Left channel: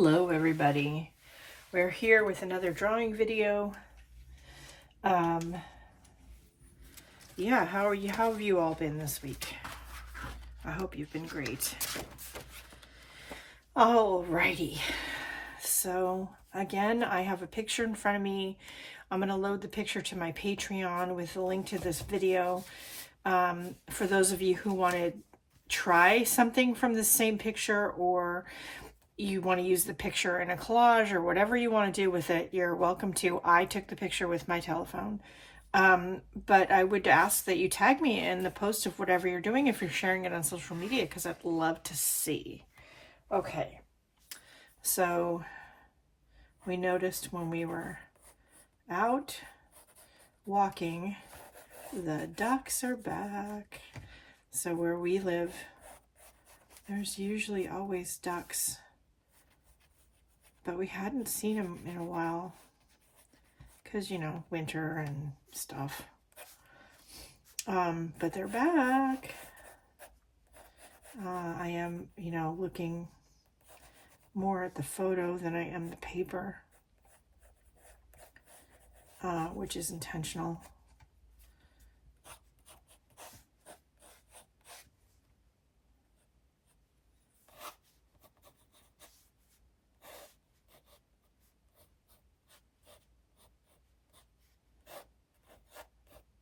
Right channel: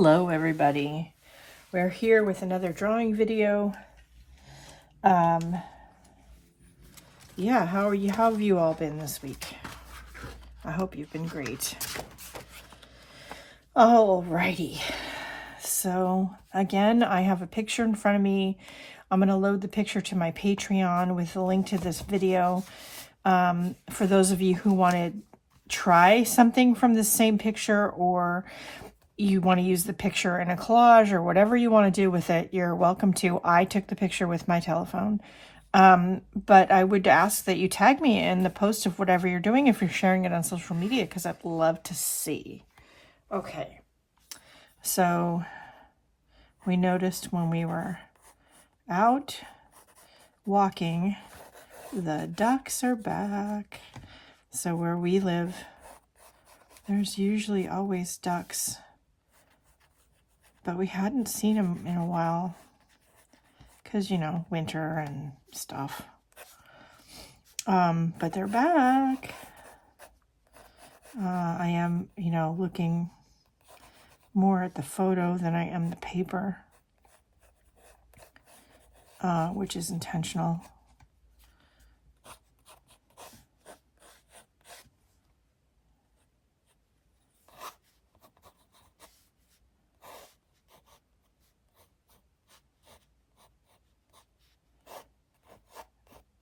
Hello everybody. We're here with another drawing video. Yeah, how have you all been this week? I hope you've been great. Alrighty. So again, I have a picture in front of me. I'm going to load the picture to my Patreon with a link to this video. For those of you who want to try something from the same picture, or you want to use the picture in a collage, or whatever you want to do with it, you're welcome to. I took the picture with my telephone. But I would ask that you tag me in the post of whatever you're doing if you're sharing it on social media, because I'd love to see. Okay. So we noticed when we were out walking, the ducks are back. So where we live, there's usually always ducks, but we hadn't seen them in a while because, you know, winter and stuff. But they're back. I am, looking more at the photo than I am the paper, which is intentional.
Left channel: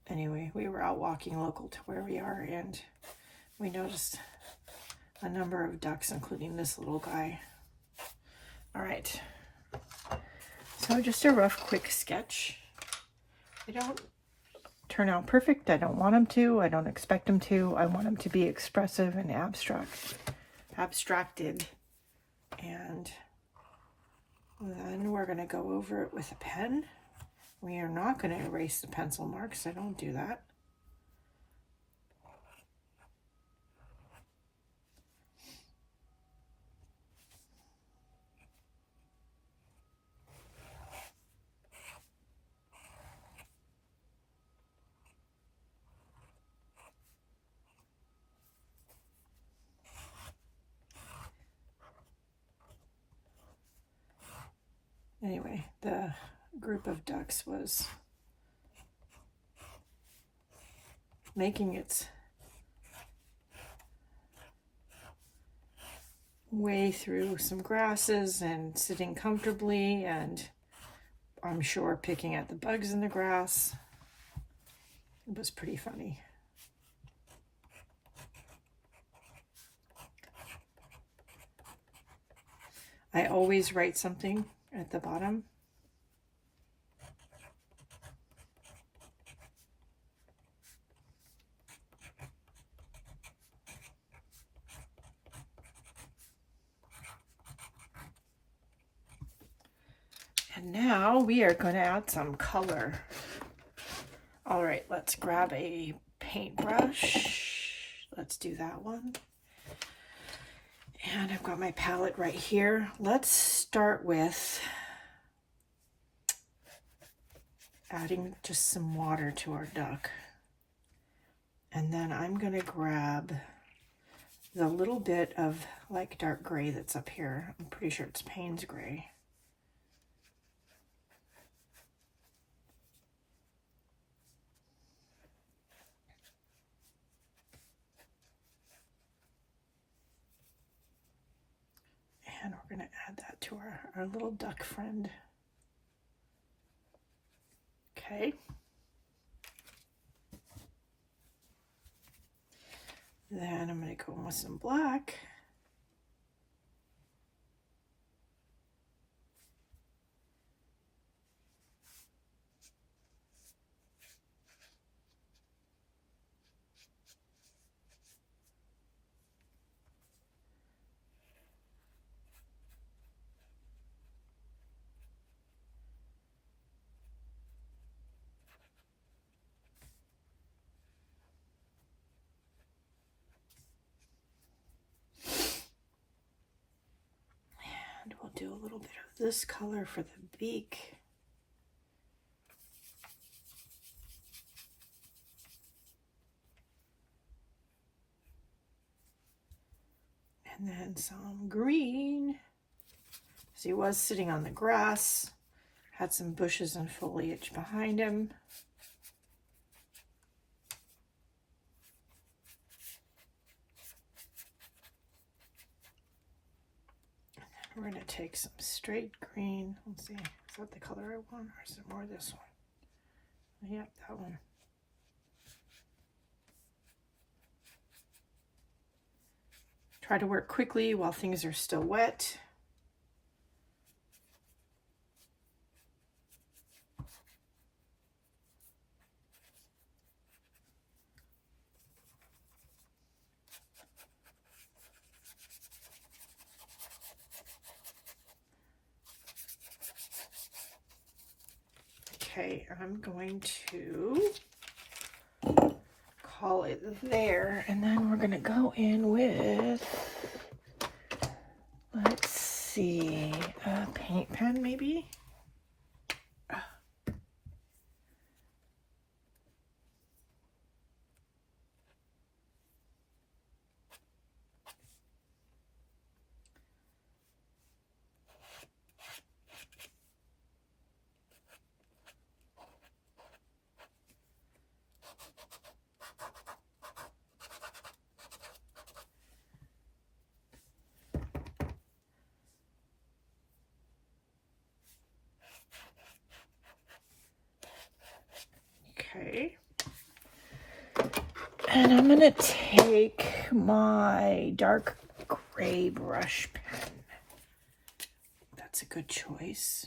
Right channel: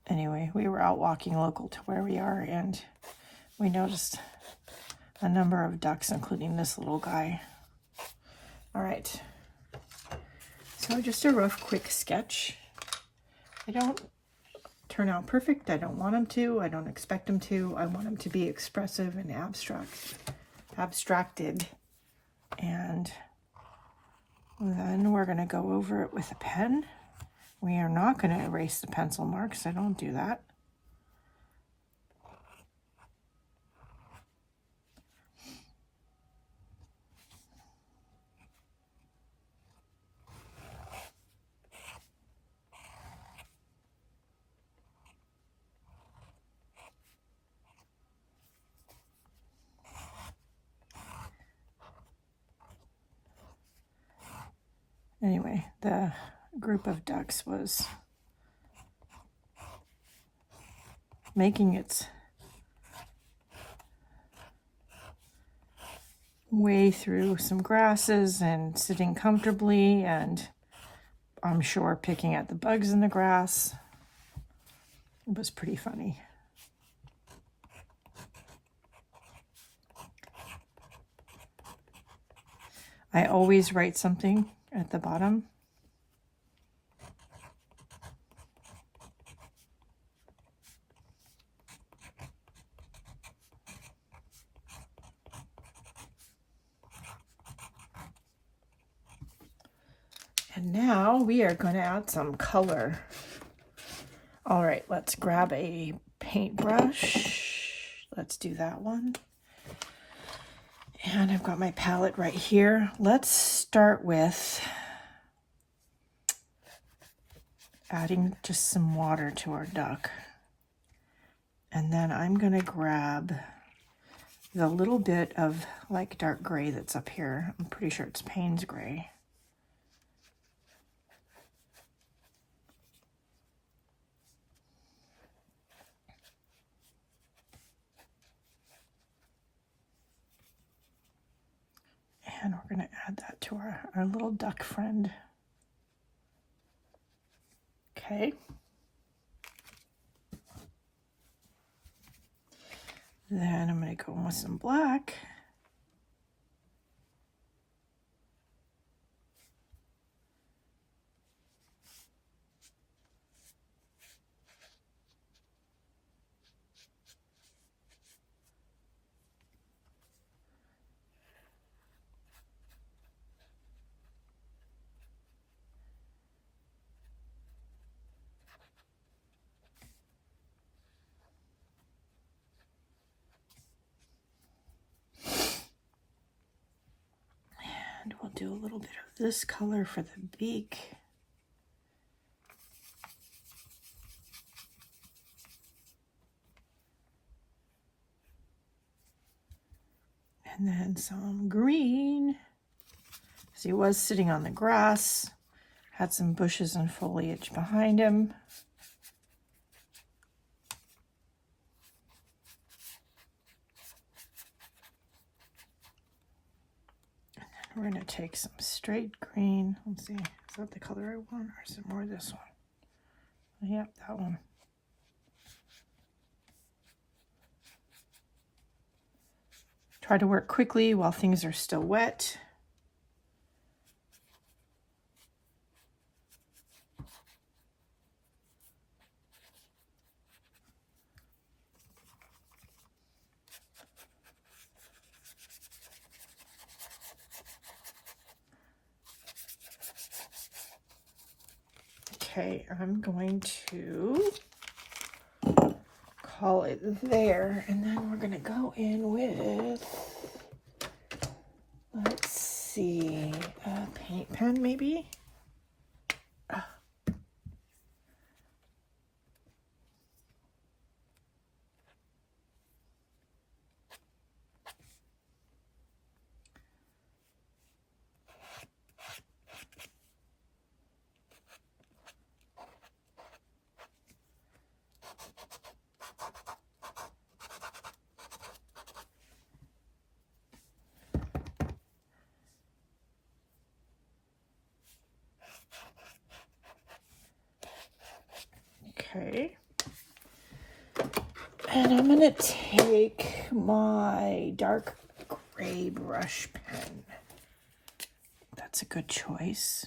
Anyway, we were out walking local to where we are, and we noticed a number of ducks, including this little guy. All right. So just a rough, quick sketch. I don't turn out perfect. I don't want them to. I don't expect them to. I want them to be expressive and abstracted. And then we're going to go over it with a pen. We are not going to erase the pencil marks. I don't do that. Anyway, the group of ducks was making its way through some grasses and sitting comfortably, and I'm sure picking at the bugs in the grass. It was pretty funny. I always write something at the bottom. And now we are going to add some color. All right, let's grab a paintbrush. Let's do that one. And I've got my palette right here. Let's start with adding just some water to our duck. And then I'm going to grab the little bit of like dark gray that's up here. I'm pretty sure it's Payne's gray. And we're going to add that to our little duck friend. Okay. Then I'm going to go in with some black. And we'll do a little bit of this color for the beak. And then some green because he was sitting on the grass, had some bushes and foliage behind him. We're going to take some straight green. Let's see, is that the color I want, or is it more this one? Yep, that one. Try to work quickly while things are still wet. Okay, I'm going to call it there, and then we're gonna go in with, let's see, a paint pen maybe? Okay. And I'm gonna take my dark gray brush pen. That's a good choice.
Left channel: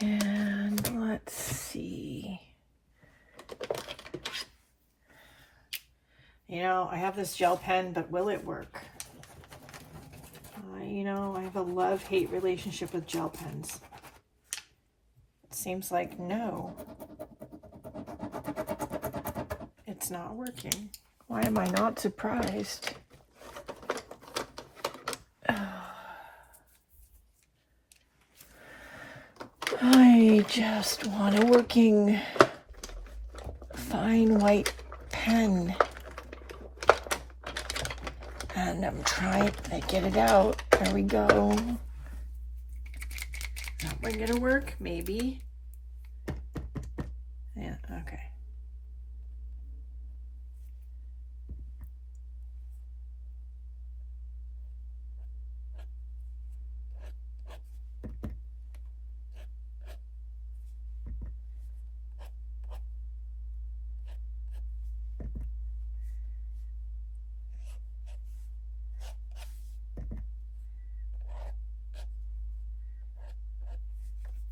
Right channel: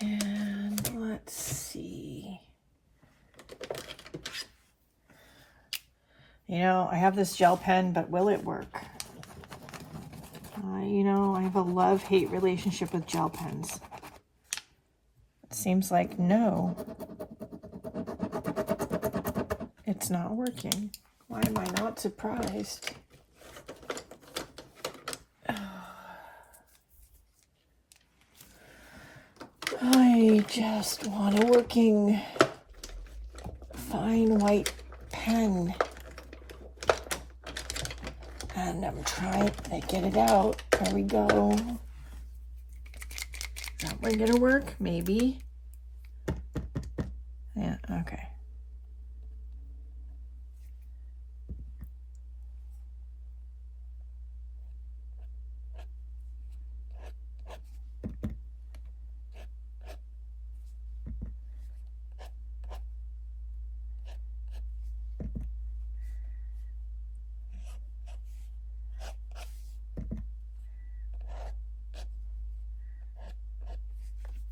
And let's see. You know, I have this gel pen, but will it work? You know, I have a love-hate relationship with gel pens. It seems like no. It's not working. Why am I not surprised? I just want a working fine white pen. And I'm trying to get it out. There we go. That one gonna work? Maybe. Yeah, okay.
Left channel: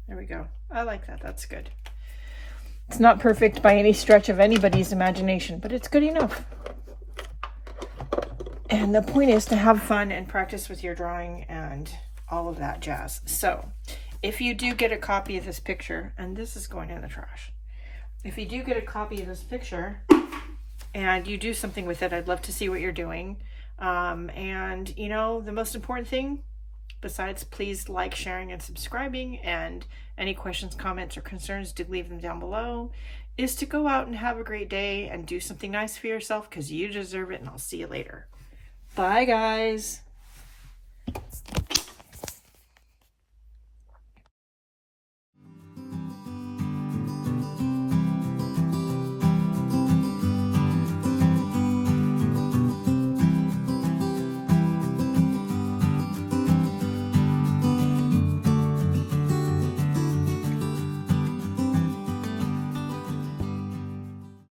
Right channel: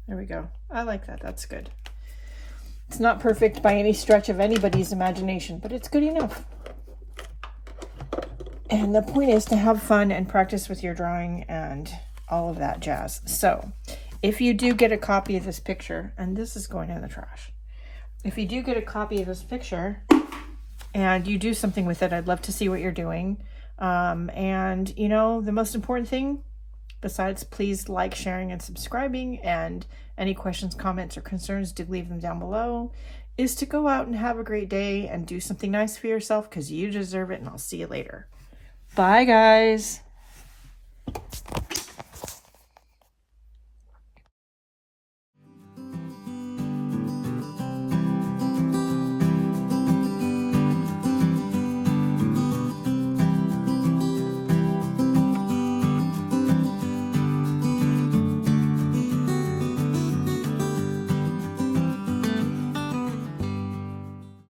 There we go. I like that. That's good. It's not perfect by any stretch of anybody's imagination, but it's good enough. And the point is to have fun and practice with your drawing and all of that jazz. So if you do get a copy of this picture, and this is going in the trash, if you do get a copy of this picture and you do something with it, I'd love to see what you're doing. And you know, the most important thing, besides please like, sharing, and subscribing, and any questions, comments, or concerns, do leave them down below, is to go out and have a great day and do something nice for yourself, because you deserve it, and I'll see you later. Bye, guys.